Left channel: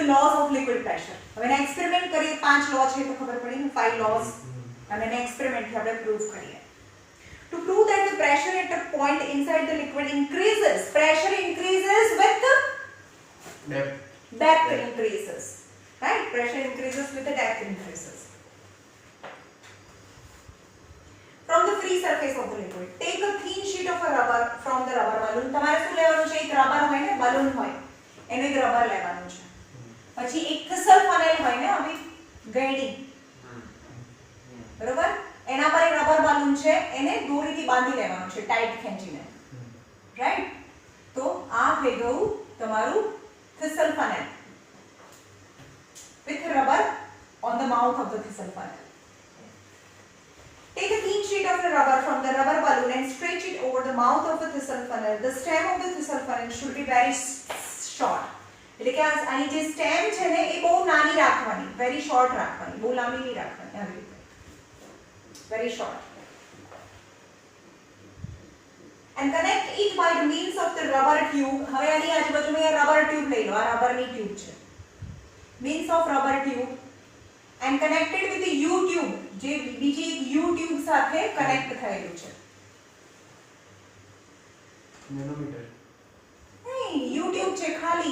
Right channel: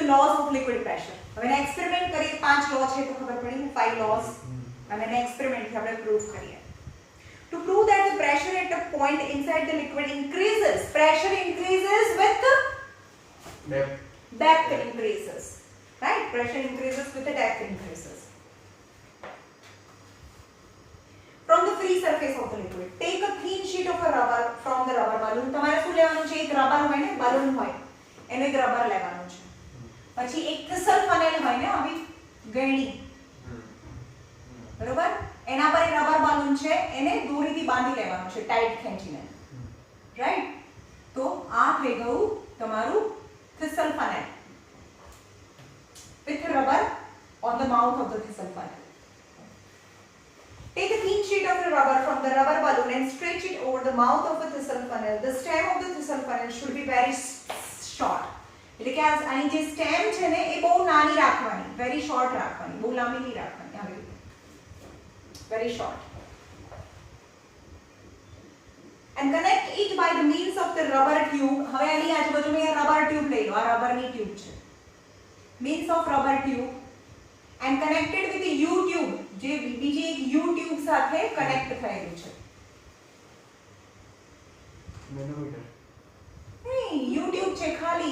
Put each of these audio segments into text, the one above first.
the laws of liquid pressure. હવે એને experiment કરીએ 5 લો છે તો ખબર પડી ને 5 laws અને એને એક્સપેરિમેન્ટ થી આપણે પ્રૂવ કરીએ. To prove that the pressure at a point inside the liquid increases, pressure increases with the depth increases, right? Pressure increases with the depth increases. From the free surface of the liquid, take a thin sheet of a rubber from the rubber balloon. તમારે શું લેવાનું છે? એક rubber હોય ને, balloon હોય, એને એક રબર લેવાનું છે. પછી એક થ્રિસલ ફનેલ હોય ને, આવી ગયડી, બરોબર? એના પર એક રબર balloon છે, એને દોરીથી બાંધી લેવાનું છે, ટાઈટ ખેંચીને, રાઈટ? તો આ થઈ ગયું તમારું થ્રિસલ ફનેલ with rubber on the mouth of the thistle funnel. Take a thin sheet of the rubber from the rubber balloon and stretch it over the mouth of the thistle funnel. The stem of the thistle funnel should be very short. એટલે કે આની જે stem છે ને એ બહુ નાની રાખવાની, very short રાખવાની, બહુ લાંબી નહીં રાખવાની, આવી રીતે, very short. And connect it by the means of the rubber tube. હવે આની આજુબાજુમાં રબર ટ્યુબ લઈ લો, આ રબરની ટ્યુબ છે. Means of rubber tube and connected with the U tube, જે બીજી એક U tube સાથે કનેક્ટ થયેલું છે. મેનોમીટર નહીં, U tube છે ખાલી,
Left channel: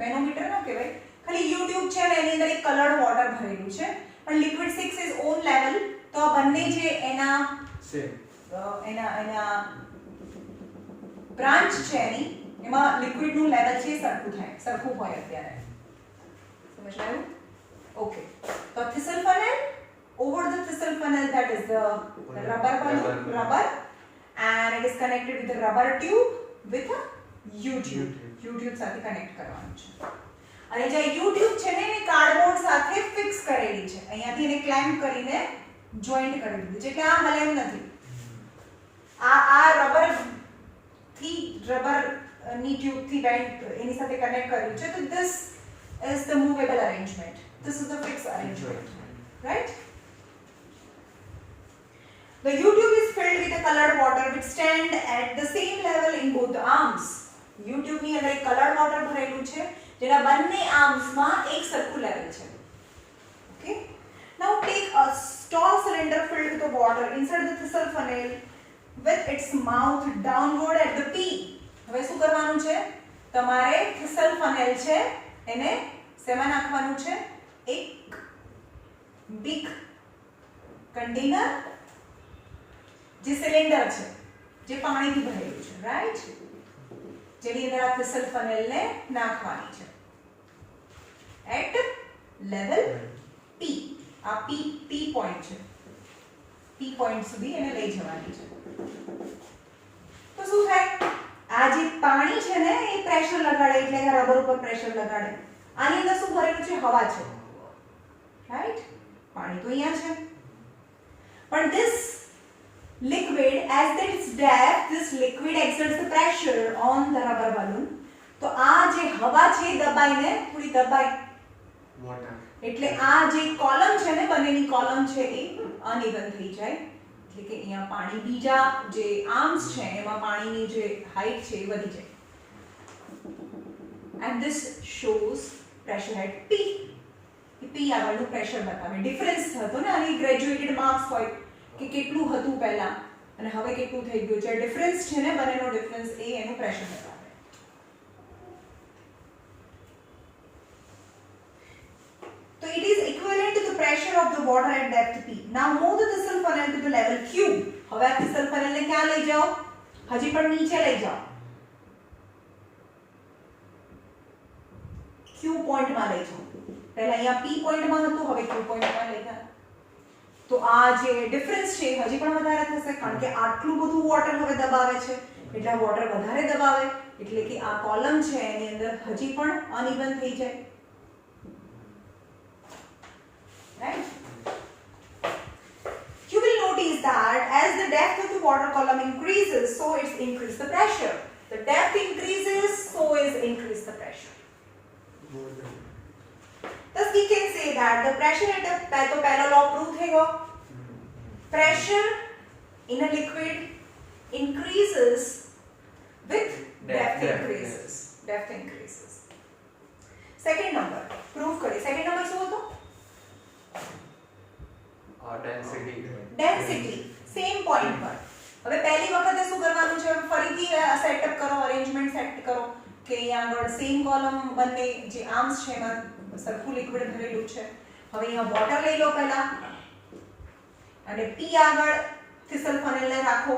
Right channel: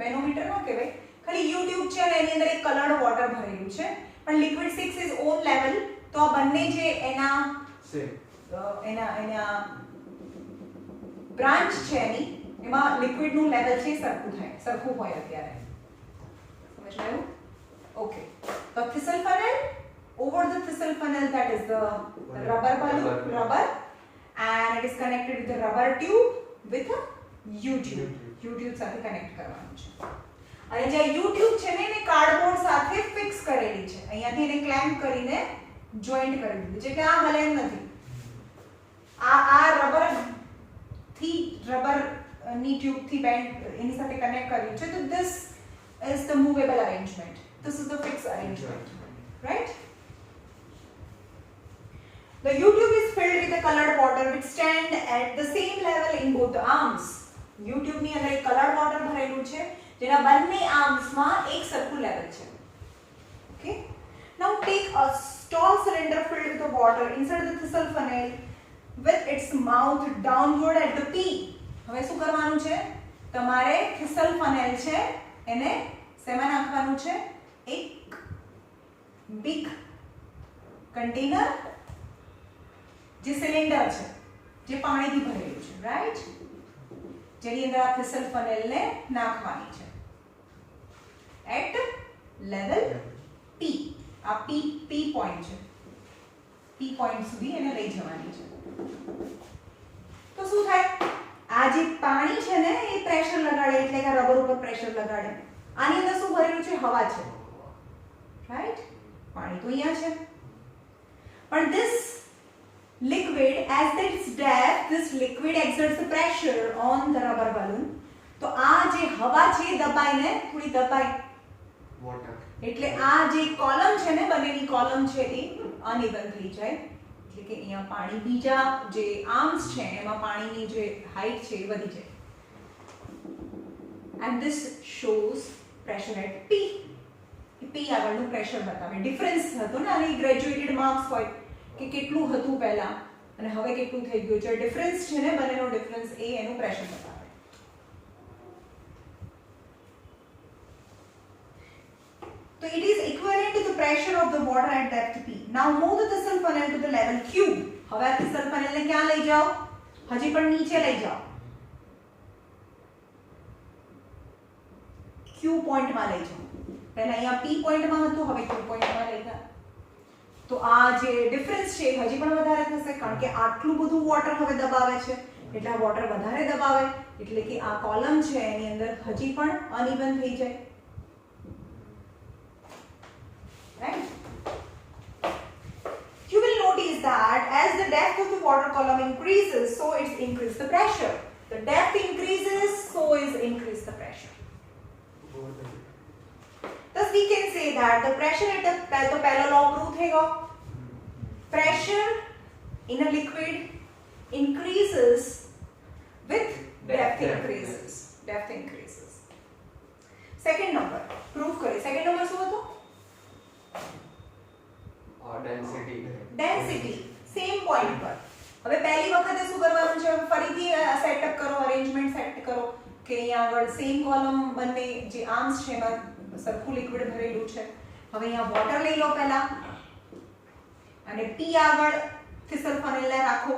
મેનોમીટર ના કહેવાય, ખાલી U tube છે ને એની અંદર એક કલર્ડ વોટર ભરેલું છે. પણ liquid 6 is own level, તો આ બંને જે એના બ્રાન્ચ છે એની એમાં લિક્વિડનું લેવલ છે સરખું હોય અત્યારે. સમજાયું? Okay. The thistle funnel, over the thistle funnel, that is the rubber balloon, rubber, and it is connected with the rubber tube with a U tube. U tube સાથે કનેક્ટ કરવાનું છે. અને જે U tube છે ને એને cardboard સાથે fix કરેલી છે. અહીંયાથી એને ક્લેમ્પ કરીને જોઈન્ટ કરી દીધું છે કે આ હલે એમ નથી. આ રબરની ટ્યુબથી બેન્ડ એની સાથે કનેક્ટ કર્યું છે. તો this is the movable arrangement. This is the fixed arrangement, right? The U tube is filled with the colored water which stand at the same level in both the arms. U tube ની અંદર એક colored water ભરેલું છે જેના બંને arms માં એક સરખું લેવલ છે. Okay? Now take a tall cylinder filled with the water, insert the thistle funnel with its mouth downward at the P. હવે શું કરવાનું છે? તમારે thistle funnel છે એને શેમાં નાખવાનું છે? એક big container જે સિલિન્ડર છે જે પાણીથી ભરેલું છે, રાઈટ? જેની અંદર આ thistle funnel ને નાખવાની છે at level P. આ P પોઈન્ટ છે, P પોઈન્ટ સુધી એને લઈ જવાની છે. તો શું થાય? આ જે પાણી છે ને એ પ્રેશર લગાડે, એટલે કે રબર ઉપર પ્રેશર લગાડે. આની અંદર શું ભરેલું છે? હવા છે, રાઈટ? પાણી તો અહીંયા છે. પણ this liquid, as its depth, this liquid exerts the pressure on the rubber balloon. તો આ જે હવા છે દબાઈને થોડી દબાઈ, એટલે આ જે કોલમ છે ને બંનેની કોલમ છે એ અનઇવન થઈ જાય. એટલે કે અહીંયા પાણી બીજા જે આર્મ્સ છે એમાં પાણીની જે હાઈટ છે એ વધી જાય. And this shows pressure at P. P આગળનું પ્રેશર બતાવે. ડિફરન્સ થતો ને આની ગ્રેજ્યુએટેડ માર્ક્સ હોય કે કેટલું હતું પહેલા અને હવે કેટલું થઈ ગયું છે. ડિફરન્સ છે ને બંનેનો ડિફરન્સ એ એનું પ્રેશર બતાવે. So it is equivalent to the pressure of the water at depth P. Now move the thistle funnel to the level Q. હવે આ thistle funnel ને ક્યાં લઈ જાઓ? હજી પણ નીચે લઈ જાઓ, Q પોઈન્ટ માં લઈ જાઓ. પહેલા અહીંયા P પોઈન્ટ માં હતું, હવે Q પોઈન્ટ માં લઈ ગયા. તો આ જે ડિફરન્સ છે હજી પણ વધારે થશે કારણ કે આટલું બધું વોટર હવે દબાવે છે, એટલે આ વોટર વધારે દબાવે એટલે કે આ કોલમ છે એની અંદર હજી પણ અનઇવન થઈ જાય, right? You will notice that as the depth of the water column increases, so it's increase the pressure. The depth increases, so is increase the pressure. Thus we can say that the pressure at a तो पहला law prove थेगा. Pressure in a liquid increases with depth increases. Depth increases. Second number. કે અહીંયા આગળ same column બંને જે arms છે એમાં સરખું લિક્વિડ ભરેલું છે. હવે અહીંયા વોટર લઈ લો પહેલા અને P આગળ થિસલ ફનેલને રાખો,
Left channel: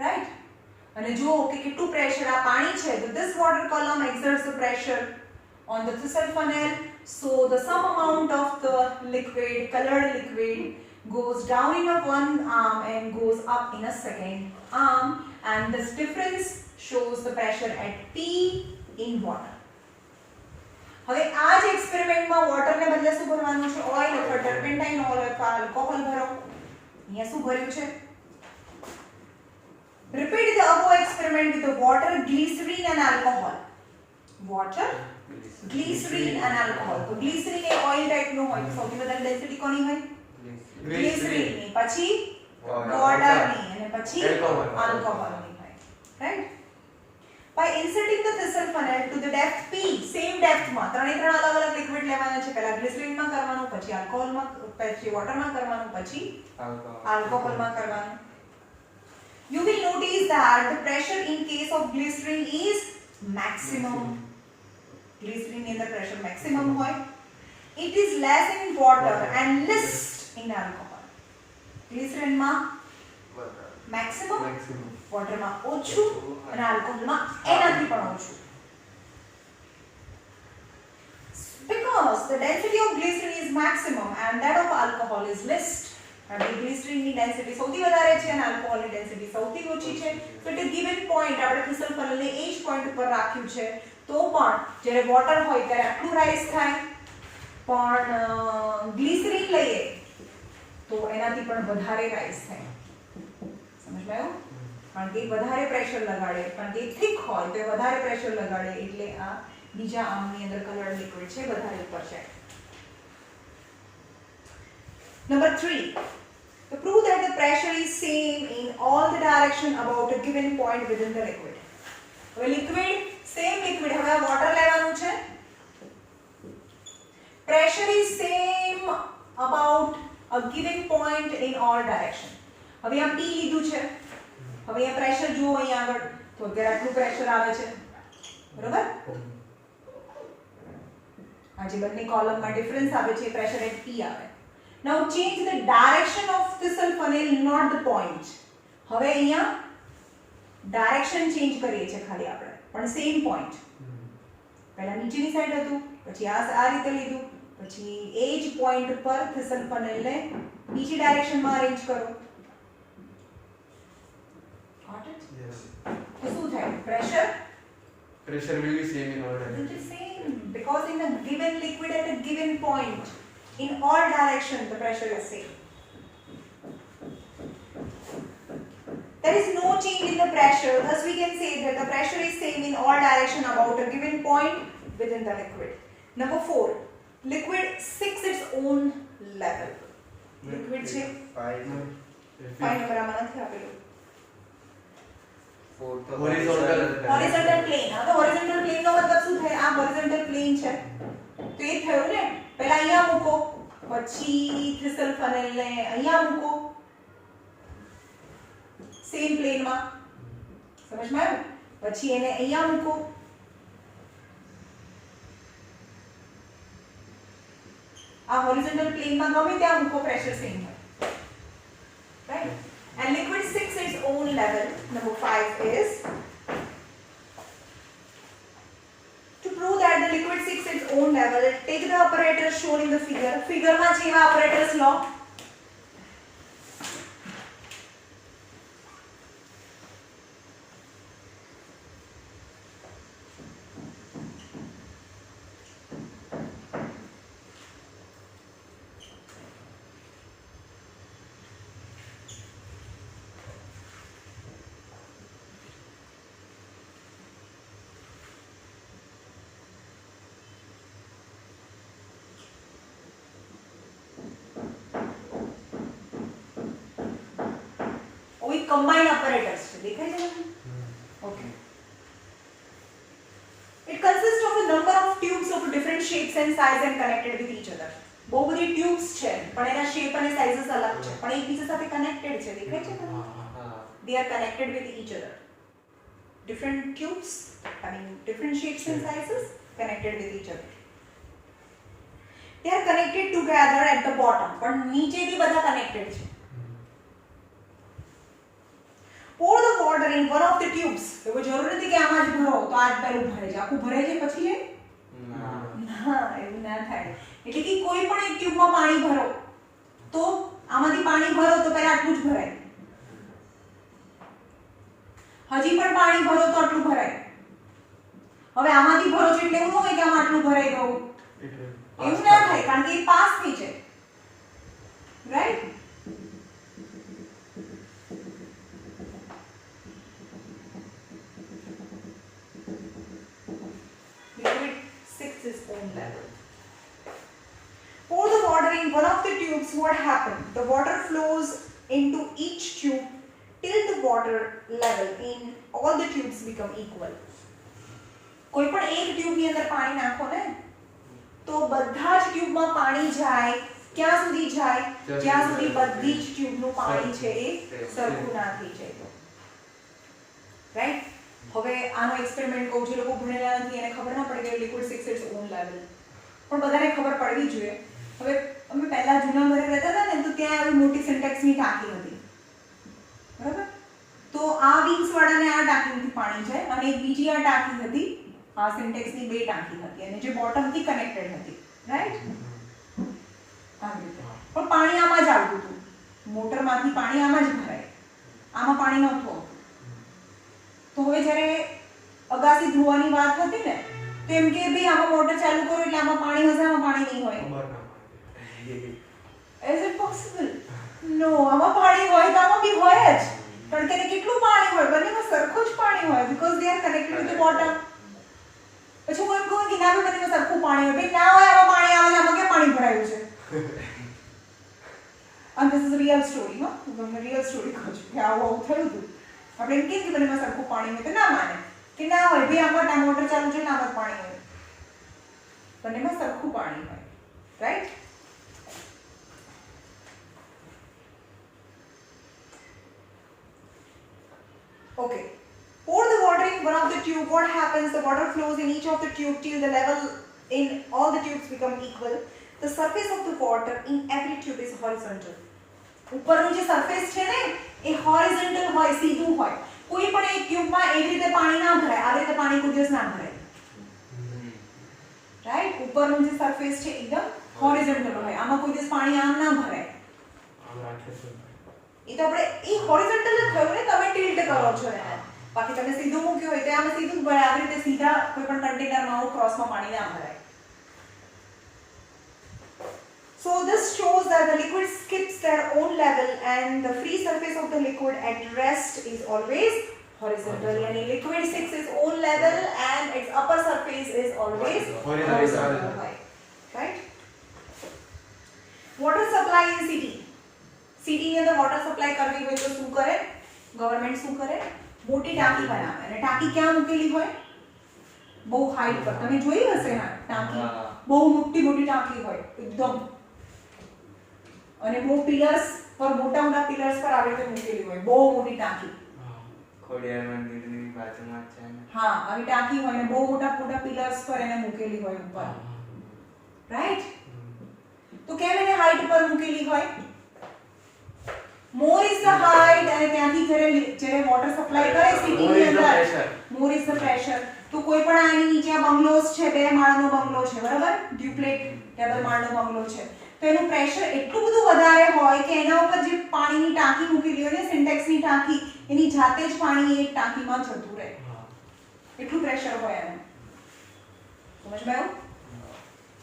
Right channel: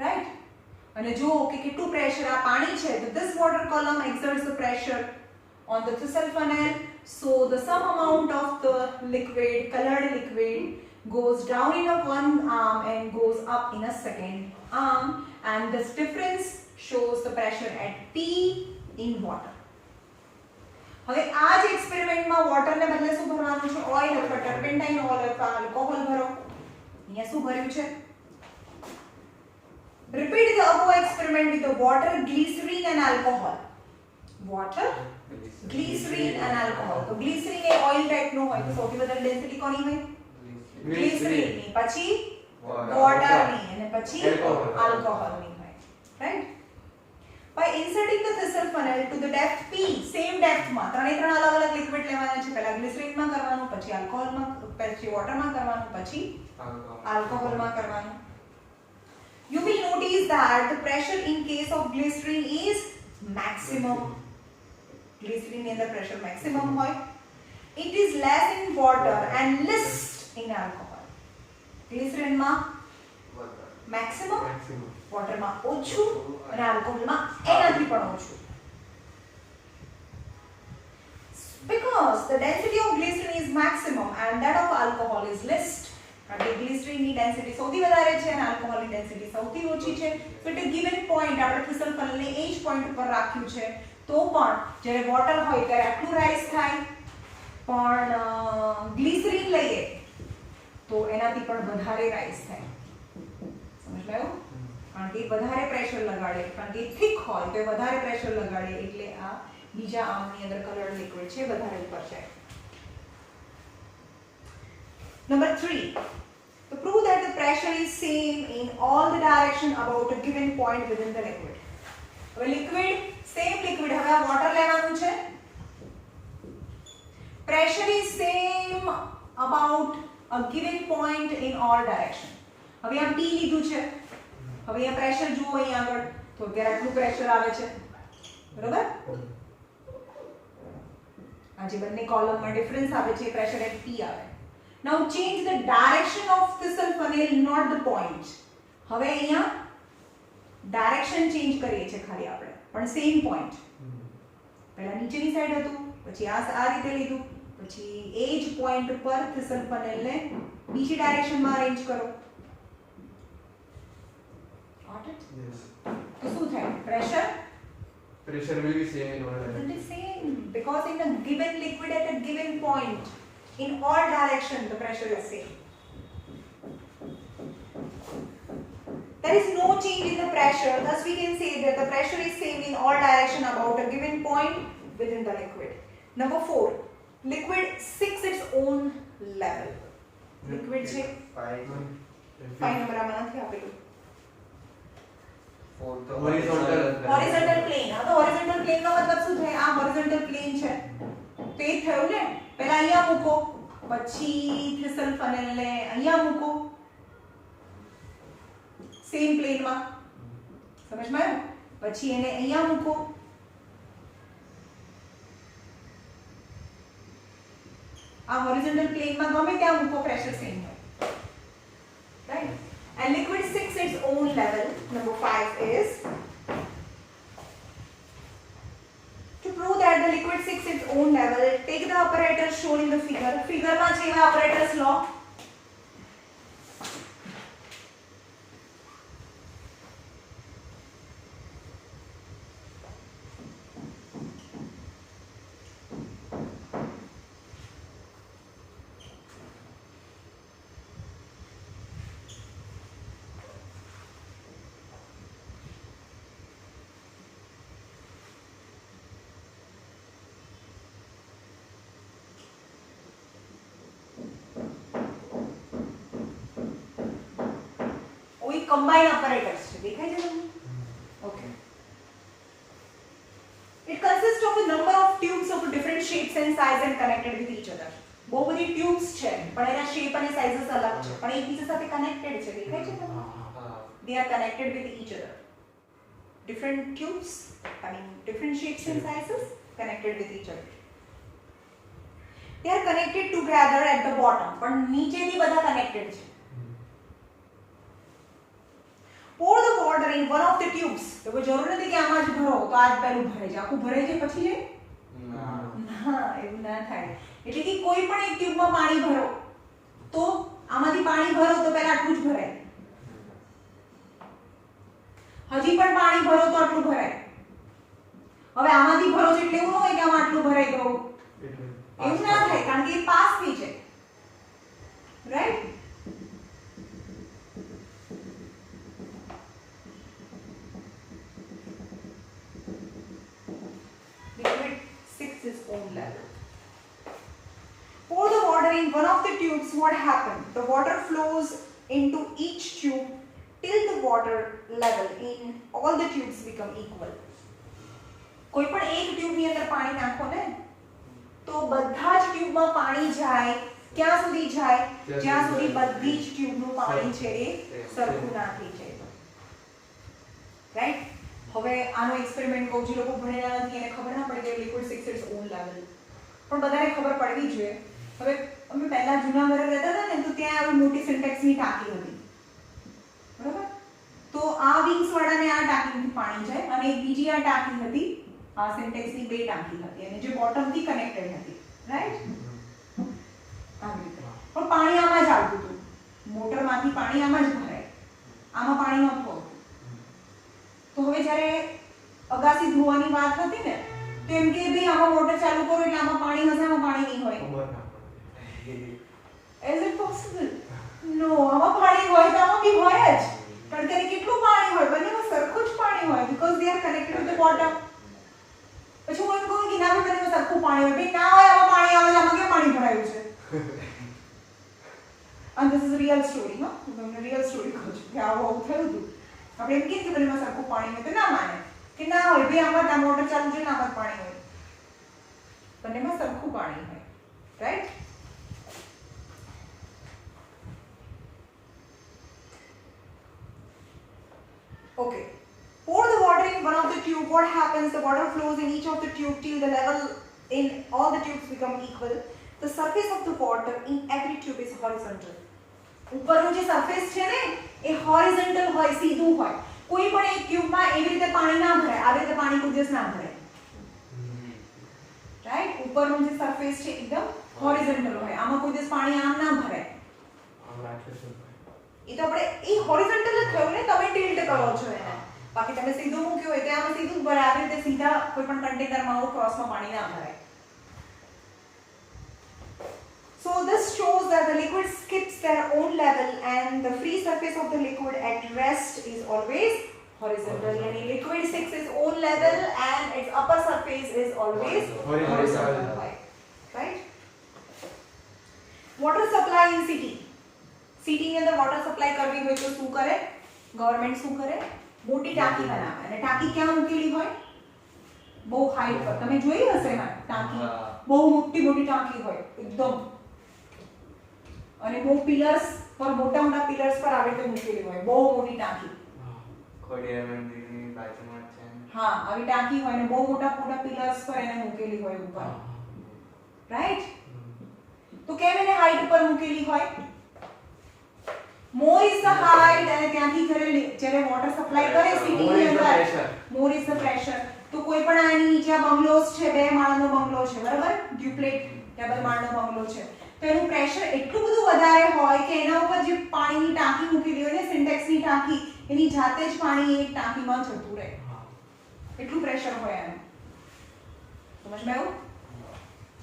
રાઈટ. અને જુઓ કે કેટલું પ્રેશર આ પાણી છે. તો this water column exerts the pressure on the thistle funnel, so the some amount of the liquid, colored liquid, goes down in a one arm and goes up in a second arm, and this difference shows the pressure at P in water. હવે આ જ એક્સપેરિમેન્ટમાં વોટરને બદલે શું ભરવાનું છે? Oil અથવા turpentine oil અથવા alcohol ભરો. અહીંયા શું ભર્યું છે? Repeat the above experiment with the water, glycerine and alcohol. Water, glycerine and alcohol. તો ગ્લિસરીન એ ઓઇલ ટાઈપનો હોય તો સૌથી વધારે ડેન્સિટી કોની હોય? ગ્લિસરીનની, પછી વોટરની અને પછી આલ્કોહોલની હોય, right. By inserting the thistle funnel to the depth P, same depth માં ત્રણે ત્રણ અલગ અલગ લિક્વિડ લેવાના છે. પહેલા ગ્લિસરીનમાં કરવાનું, પછી આલ્કોહોલમાં, પછી વોટરમાં કરવાનું, પછી આલ્કોહોલમાં કરવાનું. You will notice that the pressure in case of glycerine is maximum. Glycerine in the pressure maximum hoy. It is less in water and less in alcohol. Glycerine ma maximum, water ma ochu and alcohol ma enathi પણ ઓછું. Because the density of glycerine is maximum and that of alcohol is less. કારણ કે ગ્લિસરીનની density સૌથી વધારે છે અને આલ્કોહોલની density સૌથી ઓછી છે. So at a given point આપણે થિસલ ફનલને એ જ પોઈન્ટ ઉપર રાખ્યું છે, તો પણ જ્યારે વોટર હોય ત્યારે આટલું રાઈઝ થાય, પણ ગ્લિસરીન લઈએ તો એનાથી પણ વધારે રાઈઝ થાય. સમજાયું? કારણ કે વધારે પ્રેશર લગાડે, કારણ કે થિક હોય તો વધારે પ્રેશર લગાડે એટલે આ બીજા આર્મની અંદર કલર લિક્વિડ છે વધારે ઉપર છે. Number 3, to prove that the pressure is same in all the direction about a given point within the liquid. હવે liquid, same liquid, હવે આ water લેવાનું છે. Pressure is same about a given point in all direction. હવે આ P લીધું છે. હવે આ પ્રેશર જુઓ અહીંયા આગળ, તો અત્યારે આટલું પ્રેશર આવે છે, બરાબર? આ જે બંને કોલમમાં ડિફરન્સ આવે છે પ્રેશર એટ P આવે. Now change the direction of thistle funnel, not the point. હવે અહીંયા ડાયરેક્શન ચેન્જ કરીએ છીએ ખાલી આપણે, પણ સેમ પોઈન્ટ. પહેલા નીચેની સાઈડ હતું, પછી આ રીતે લીધું, પછી એ જ પોઈન્ટ પર thistle funnelને બીજી ડાયરેક્શનમાં અરેન્જ કરો. Got it? Yes. તો શું થાય? Pressure Will be same in all will directions. be same because in a given liquid at a given point, in all direction the pressure is same. There is no change in the pressure, thus we can say that the pressure is same in all direction about a given point within the liquid. Number 4, liquid seeks its own level. Liquid છે 5 number આમાં નથી આપેલું. Horizontal plane. હવે horizontal plane નો મતલબ શું થાય? આ horizontal plane છે તો એ થયું ને, પહેલા અહીંયા મૂકો, પછી થિસલ ફનલને અહીંયા મૂકો સેમ પ્લેનમાં, સમજમાં આવ્યું? પછી એને અહીંયા મૂકો, આ હોરિઝોન્ટલ પ્લેનમાં ગમે ત્યાં મૂકો, પ્રેશર સેમ હોય, right? And liquid seeks its own level. Number 5 is to prove that the liquid seeks its own level, take the apparatus shown in the figure. Figure માં છે એવા apparatus law. We combine apparatus. देखाई दे रहा है? Okay. It consists of a number of tubes of different shapes and size and connected with each other. બહુ બધી tubes છે પણ એના શેપ અને સાઇઝસ અલગ છે પણ એકબીજા સાથે કનેક્ટેડ છે. દેખાય છે તમને? They are connected with each other. different tubes, I mean different shapes and sizes connected with each other. They are connected together at the bottom, પણ નીચેથી બધા connected છે. Pour the water in one of the tubes. તો કોઈ જરૂર નથી કે આમાં જ ભરો તો આ જ પહેલું ભરાઈ જાય. આખું ભરાઈ જાય પછી જાય? ના, એવું ના થાય. એટલે કે કોઈ પણ એક ટ્યુબમાં પાણી ભરો તો આમાંથી પાણી ભરો તો પહેલા આટલું જ ભરાય. હજી પણ પાણી ભરો તો આટલું ભરાય. હવે આમાંથી ભરો છો એટલે એવું ન હોય કે આમાં આટલું ભરાઈ ગયું. એવું ના થાય કારણ કે એ પાસ થઈ જાય. Right? Liquid 6 is own level. Pour the water in one of the tubes. What happened? The water flows into each tube till the water level in all the tubes become equal. કોઈ પણ એક tube ની અંદર પાણી નાખો ને તો બધા જ ટ્યુબમાં પાણી જાય. ક્યાં સુધી જાય? જ્યાં સુધી બધી જ ટ્યુબનું પાણી છે એ સરખું ના થઈ જાય. રાઈટ? હવે આનો એક્સપેરિમેન્ટ કહું, જે લોકો ભણેલા નથી એને ખબર ના પડે કે લિક્વિડ 6 ઇટ્સ ઓન લેવલ, પણ બધાને ખબર પડવી જોઈએ. હવે અમે પહેલા જૂના ઘરે રહેતા હતા ને તો ત્યાં આવી મોટી સિન્ટેક્સની ટાંકી હતી, બરાબર? તો આ વિંગ્સ વાળાને આ ટાંકીથી પાણી જાય અને એક બીજી આ ટાંકી હતી, આ સિન્ટેક્સની બે ટાંકી હતી અને જે બોટમથી કનેક્ટેડ હતી. રાઈટ? આવી રીતે પણ પાણી આમાં જ આવતું હતું. મોટરમાંથી પાણી આમાં જ ભરાય, આમાં પાણી નહોતું આવતું. તો હવે જ્યારે અગાસી ધોવાની વાત હતી ને તો એમ કે ભાઈ આમાં મોટર ચાલુ કરો એટલે આમાં પાણી હશે, આમાં પાણી નહીં હોય. Is it possible? No, આમાં પાણી હોય તો આમાં બી હોય જ. કારણ કે કેટલું પાણી હોય, બંનેમાં સરખું જ પાણી હોય because they are connected to the bottom. પછી હું એમ કહું કે ના બંનેમાં સરખું પાણી હોય, ભાઈ ના હોય આમાં પાણી આવે છે, આમાં કેમ પાણી ભરાયું છે? And this is a real story, no? હું તમને real story કહું છું કે આવું થયું હતું. આપણે એમ કહીએ કે બંનેમાં સરખું પાણી હોય તો ના માને કે ના હોય, ભાઈ આમાં ના મોટર ચાલુ છે ને આમાં પાણી હોય. બંનેમાં સરખું પાણી હોય. Right? Okay. Pour the water in one of the tube. What happens? The water flows in each of the tube till the level in all the tubes become equal. The surface of the water in every tube is horizontal. ઉપરનું જે surface છે ને એ horizontal હોય, સીધું હોય. કોઈ પણ એક ટ્યુબમાં એવી રીતે પાણી ના ભરાય, આવી રીતે પાણી કોઈ દિવસ ના ભરાય. રાઈટ? ઉપરનું જે સરફેસ છે એકદમ હોરિઝોન્ટલ હોય, આમાં કોઈ દિવસ પાણી આમ ના ભરાય. એ તો આપણે એ હોરિઝોન્ટલ જ થયું ને, તમે ટિલ્ટ કરો છો એને. બાકી તમે સીધું મૂક્યું હોય તો આમાં સીધું જ ભરાય. આવી રીતે સીધા કોઈ પણ કન્ટેનરમાં આવું ક્રોસમાં પાણી ના ભરાય. So this shows that the liquid skips their own level and the free surface of the liquid at rest is always horizontal. Yani liquid 6 is own level and its upper surface is always horizontal. Right? Water supply in city. City ની અંદર water supply કરવી હોય તો શું કરે? Government શું કરે? મોટી ટાંકી બનાવે અને ટાંકી ક્યાં મૂકેલી હોય? બહુ હાઈટ પર. તમે જોઈ હશે હા ટાંકી બહુ મોટી મોટી ટાંકી હોય એકદમ, અને બહુ પિલર્સ પર મોટા મોટા પિલર્સ પર આવી રીતે મૂકેલી હોય બહુ મોટી ટાંકી. ખોડિયાર મંદિરની બાજુમાં છે. હા, આવી ટાંકી હોય ને બહુ મોટા મોટા પિલર્સ પર એને મૂકેલી હોય ઉપર. રાઈટ? તો કેમ એને હાઈટ પર મૂકેલી હોય? more is the height અને ત્યાંથી જ્યારે વોટર સપ્લાય કરે સિટીની અંદર more is the pressure. તો કોઈ પણ આની નીચે બંગલોસ છે, બે માળનો બંગલો છે, બરાબર? ડ્યુપ્લેટ ડબલ માળનો બંગલો છે, તો એનું પ્રેશર એટલું બધું વધારે હોય કે એના ઉપર જે પાણીની ટાંકી મૂકેલી હોય ને સિન્ટેક્સની ટાંકી, એની જાતે જ પાણી એક ટાંકીમાં જતું રહે. એટલું પ્રેશર હોય એને. સમજમાં આવ્યું?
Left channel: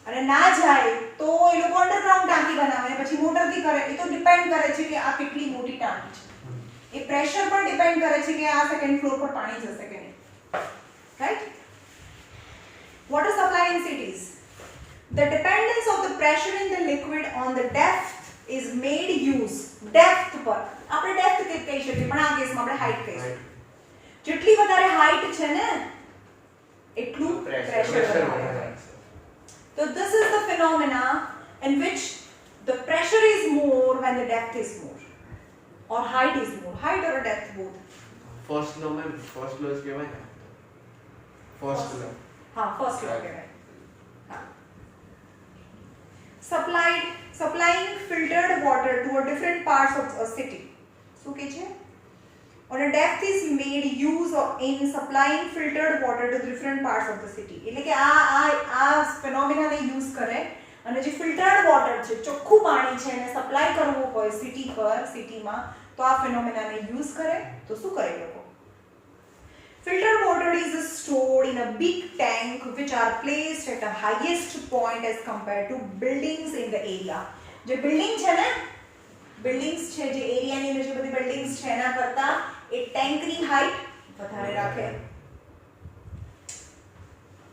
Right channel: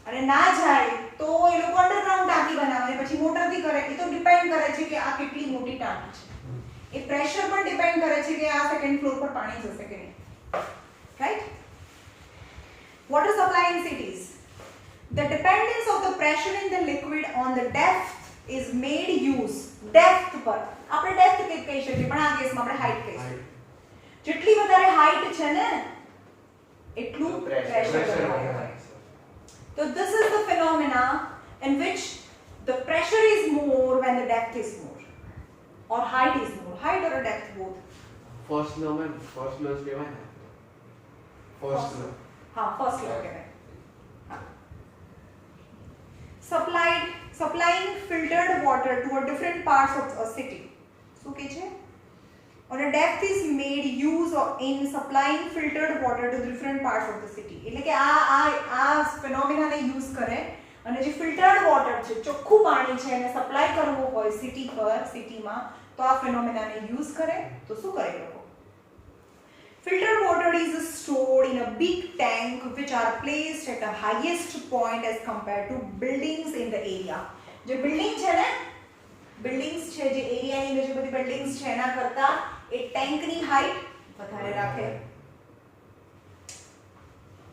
અને ના જાય તો એ લોકો અંડરગ્રાઉન્ડ ટાંકી બનાવે પછી મોટરથી કરે. એ તો ડિપેન્ડ કરે છે કે આ કેટલી મોટી ટાંકી છે. એ પ્રેશર પર ડિપેન્ડ કરે છે કે આ સેકન્ડ ફ્લોર પર પાણી જશે કે નહીં. Right? Water supply in cities. The dependence of the pressure in the liquid on the depth is made use. Depth પર આપણે depth કહી શકીએ પણ આ કેસમાં આપણે height કહીશું. જેટલી વધારે height છે ને એટલું pressure વધારે હોય. So this is the phenomena in which the pressure is more when the depth is more or height is more. Height or depth both. First લો મેં ફર્સ્ટ લો કહેવાય ને ફર્સ્ટ લો હા ફર્સ્ટ લો કહેવાય હા supplying filtered water to a different parts of a city શું કે છે on a depth is made use of in supplying filtered water to different parts of the city એટલે કે આ ફિનોમિના ને યુઝ કરે અને જે ફિલ્ટર્ડ વોટર છે ચોખ્ખું પાણી છે એને સપ્લાય કરવું હોય સિટીમાં તો આ ફિનોમિના ને યુઝ કરે તો શું કરે લોકો filtered water is stored in a big tank which are placed at the highest point as compared to buildings in the area જે બિલ્ડિંગ છે ને બિલ્ડિંગ્સ છે જે એરિયાની અંદર જે બધી બિલ્ડિંગ્સ છે એના કરતા એ ટેન્કની હાઈટ વધારે રાખે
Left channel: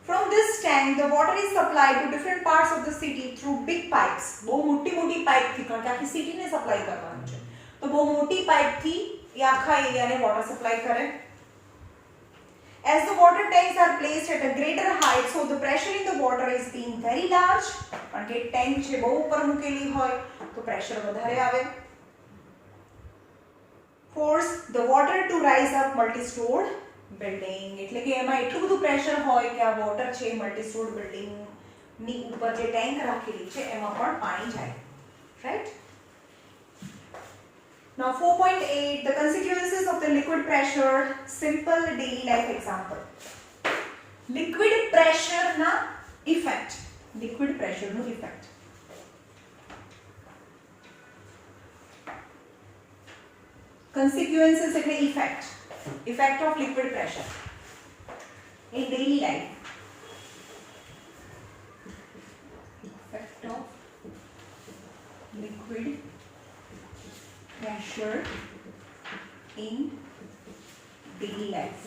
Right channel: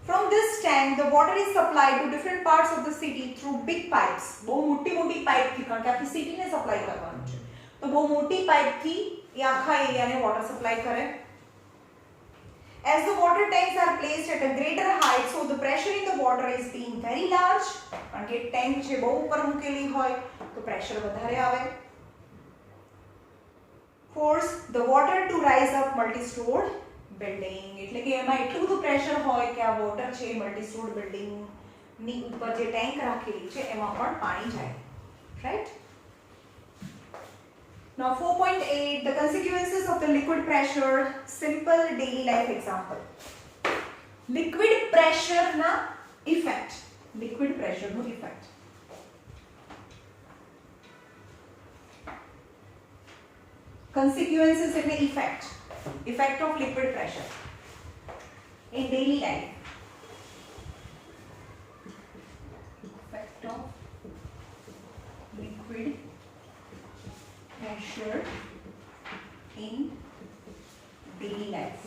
From this tank, the water is supplied to different parts of the city through big pipes. બહુ મોટી પાઇપ થી કારણ કે આખી સિટીને સપ્લાય કરવાનું છે તો બહુ મોટી પાઇપ થી એ આખા એરિયાને વોટર સપ્લાય કરે As the water tanks are placed at a greater height, so the pressure in the water is being very large. કારણ કે ટેન્ક છે બહુ ઉપર મૂકેલી હોય તો પ્રેશર વધારે આવે Force the water to rise up multi-stored building એટલે કે એમાં એટલું બધું પ્રેશર હોય કે આ વોટર છે મલ્ટી-સ્ટોર્ડ બિલ્ડિંગ ની ઉપર જે ટેન્ક રાખેલી છે એમાં પણ પાણી જાય right Now 4.8 the consequences of the liquid pressure simple daily life example liquid pressure na effect no effect consequences એટલે effect of liquid pressure in daily life effect of liquid pressure in daily life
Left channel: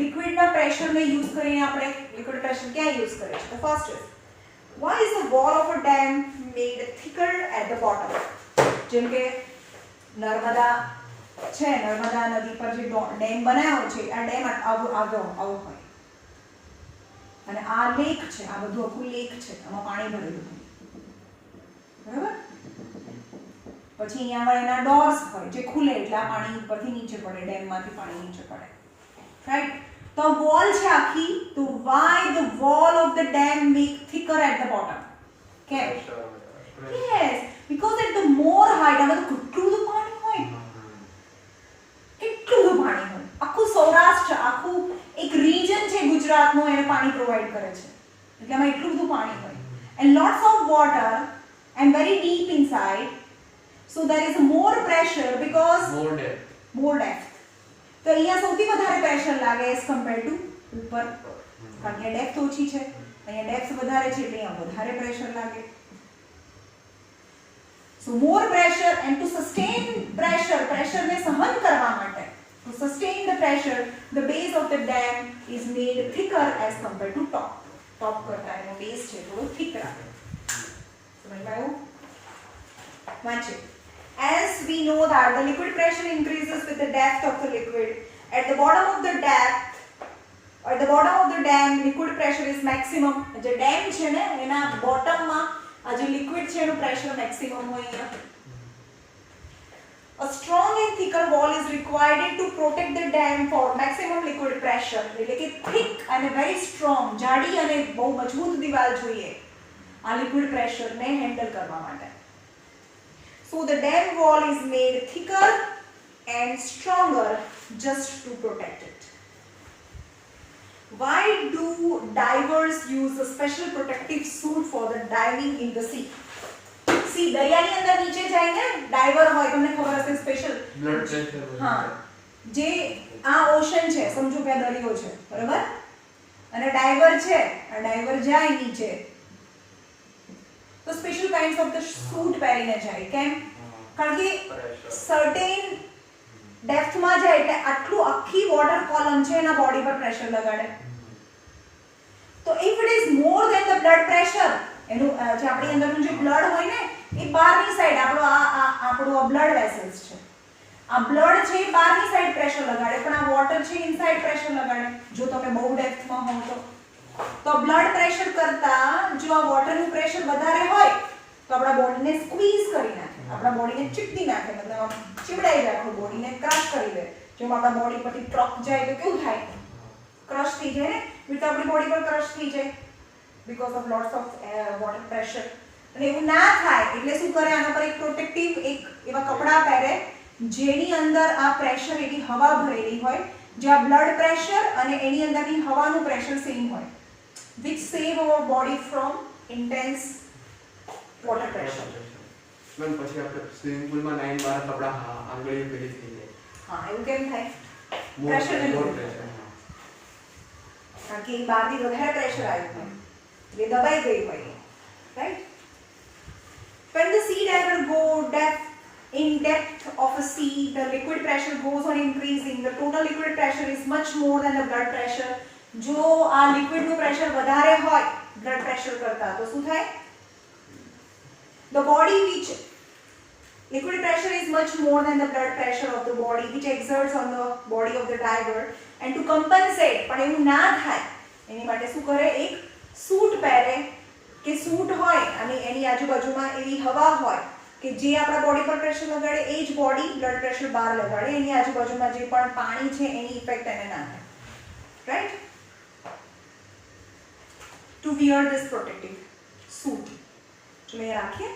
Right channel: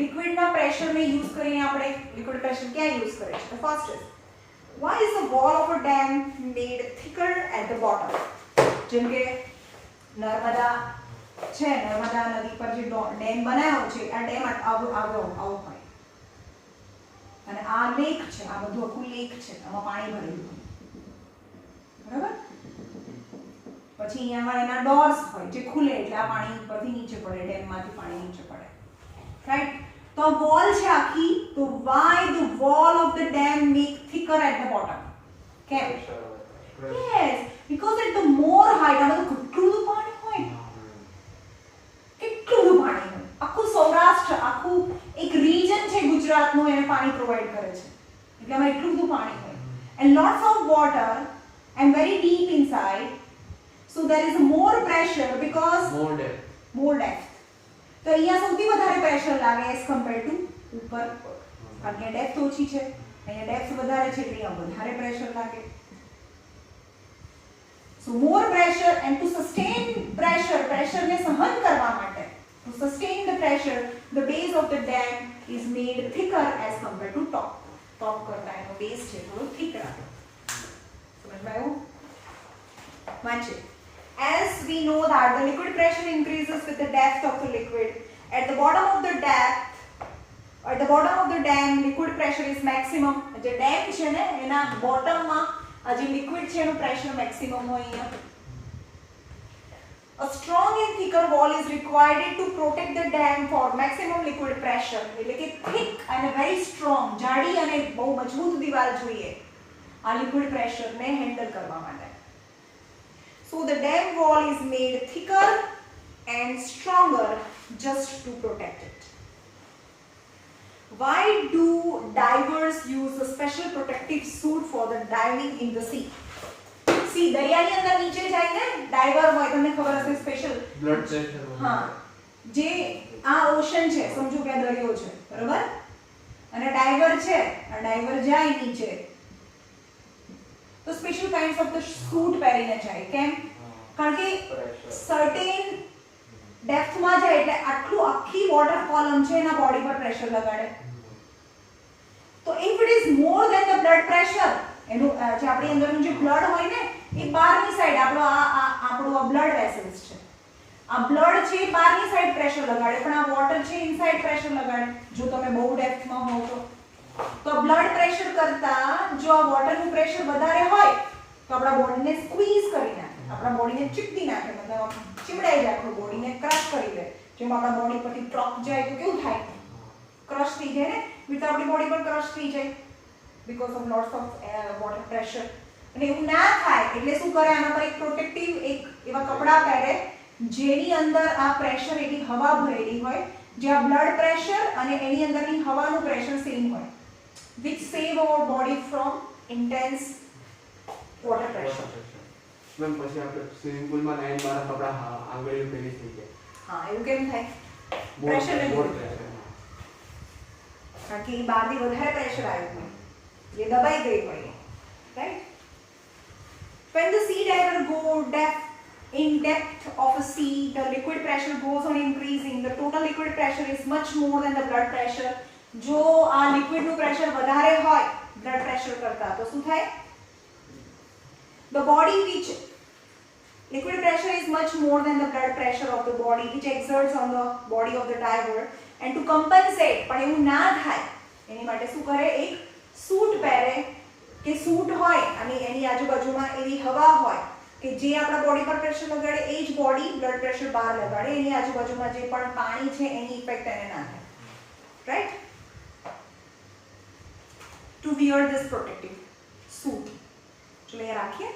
liquid ના pressure ને use કરીને આપણે liquid pressure ક્યાં use કરે છે the first is why is the wall of a dam made thicker at the bottom જેમ કે નર્મદા છે નર્મદા નદી પર જે ડેમ બનાવ્યો છે આ ડેમ આવું હોય અને આ લેક છે આ બધું આખું લેક છે આમાં પાણી ભરેલું હોય બરાબર પછી અહીંયા આગળ એના ડોર્સ હોય જે ખુલે એટલે આ પાણી ઉપરથી નીચે પડે ડેમમાંથી પાણી નીચે પડે રાઈટ તો વોલ છે આખી તો why the wall of the dam make thicker at the bottom કેમ yes because at the more height આમાં તો કેટલું બધું પાણી હોય કેટલું બધું પાણી હોય આખું સૌરાષ્ટ્ર આખું એક રિજન છે ગુજરાતનો એને પાણી પ્રોવાઈડ કરે છે એટલે આમાં એટલું બધું પાણી હોય and lots of water and very deep inside so there is more pressure because more depth તો અહીંયા સૌથી વધારે પ્રેશર લાગે as compared to ઉપર કારણ કે ડેપ્થ ઓછી છે અહીંયા ડેપ્થ વધારે છે એટલે અહીંયા વધારે પ્રેશર લાગે so more pressure and to sustain pressure ને સહન કરવા માટે to sustain the pressure the base of the dam is made thicker as compared to top કરતા એનો બેઝ છે થોડો thick રાખે સમજમાં આવ્યું વાંચે As we know that the liquid pressure increases with the depth of the liquid, at the bottom of the dam, liquid pressure is maximum. The dam છે ને એના bottom માં આ જે liquid છે એનું pressure maximum હોય અહીંયા. A strong and thicker wall is required to protect the dam for maximum liquid pressure. એટલે કે thick and very strong, જાડી અને બહુ મજબૂત દિવાલ જોઈએ આ liquid pressure ને handle કરવા માટે. So the dam wall is made thicker and stronger just to protect it. Why do divers use a special protective suit for the diving in the sea? See, દરિયાની અંદર નીચે જઈને diver હોય તમને ખબર હશે સ્પેશિયલ બ્લડ પ્રેશર હા જે આ ઓશન છે સમજો કે દરિયો છે બરાબર અને ડાઈવર છે આ ડાઈવર જાય નીચે તો special kinds of the suit પહેરીને જાય કેમ કારણ કે સર્ટેન ડેપ્થમાં જાય એટલે આટલું આખી વોટર કોલમ છે એના બોડી પર પ્રેશર લગાડે તો if it is more than the blood pressure એનું જે આપણી અંદરનું જે બ્લડ હોય ને એ બહારની સાઈડ આપણો આ બ્લડ વેસલ્સ છે આ બ્લડ છે બહારની સાઈડ પ્રેશર લગાડે પણ આ વોટર છે ઇનસાઇડ પ્રેશર લગાડે જો તમે બહુ ડેપ્થમાં હો તો બ્લડ પ્રેશર કરતા જો આ વોટરનું પ્રેશર વધારે હોય તો આપણા બોડીને સ્ક્વીઝ કરી નાખે આપણા બોડીને ચીપડી નાખે મતલબ ચીબડાઈ જાય આપણું બોડીને ક્રશ કરી દે જેમ આપણા બોડી પરથી ટ્રક જાય તો કેવું થાય, ક્રશ થઈ જાય ને, તો આપણી બોડી પર ક્રશ થઈ જાય because of lots of water pressure. અને એવું ના થાય એટલે શું કરે, આના પર એક પ્રોટેક્ટિવ એક એવા કપડાં પહેરે જેની અંદર આ પ્રેશર એવી હવા ભરેલી હોય જ્યાં બ્લડ પ્રેશર અને એની અંદરની હવાનું પ્રેશર સેમ હોય, which save our body from intense water pressure. Ma'am પછી આપણે સ્વિમિંગ પૂલમાં નાઈન મારા કપડા આંગળીઓ પેલી થઈ જાય. હા, એવું કેમ થાય? મોર Pressure ને પ્રેશર. કારણ કે એ બહારથી વધારે પ્રેશર આવ્યું હોય, એ દબાઈ ગઈ હોય, right? When the sea diver go in depth of a sea, the liquid pressure goes on increasing. The total liquid pressure is much more than the blood pressure. જો આ liquid નું pressure વધારે હોય blood pressure કરતા તો શું થાય? The body which liquid pressure is much more than the blood pressure of the body which exerts on the body of the diver, and to compensate પણ એવું ના થાય એની માટે શું કરે, એક સૂટ પહેરે કે સૂટ હોય અને એની આજુબાજુમાં એવી હવા હોય કે જે આપણા બોડી પર પ્રેશર લગાડે એ જ બોડી બ્લડ પ્રેશર બહાર લગાડે, એની આજુબાજુમાં જે પણ પાણી છે એની ઇફેક્ટ એને ના થાય, right? To wear this protective suit. ચલો એ રાખીએ.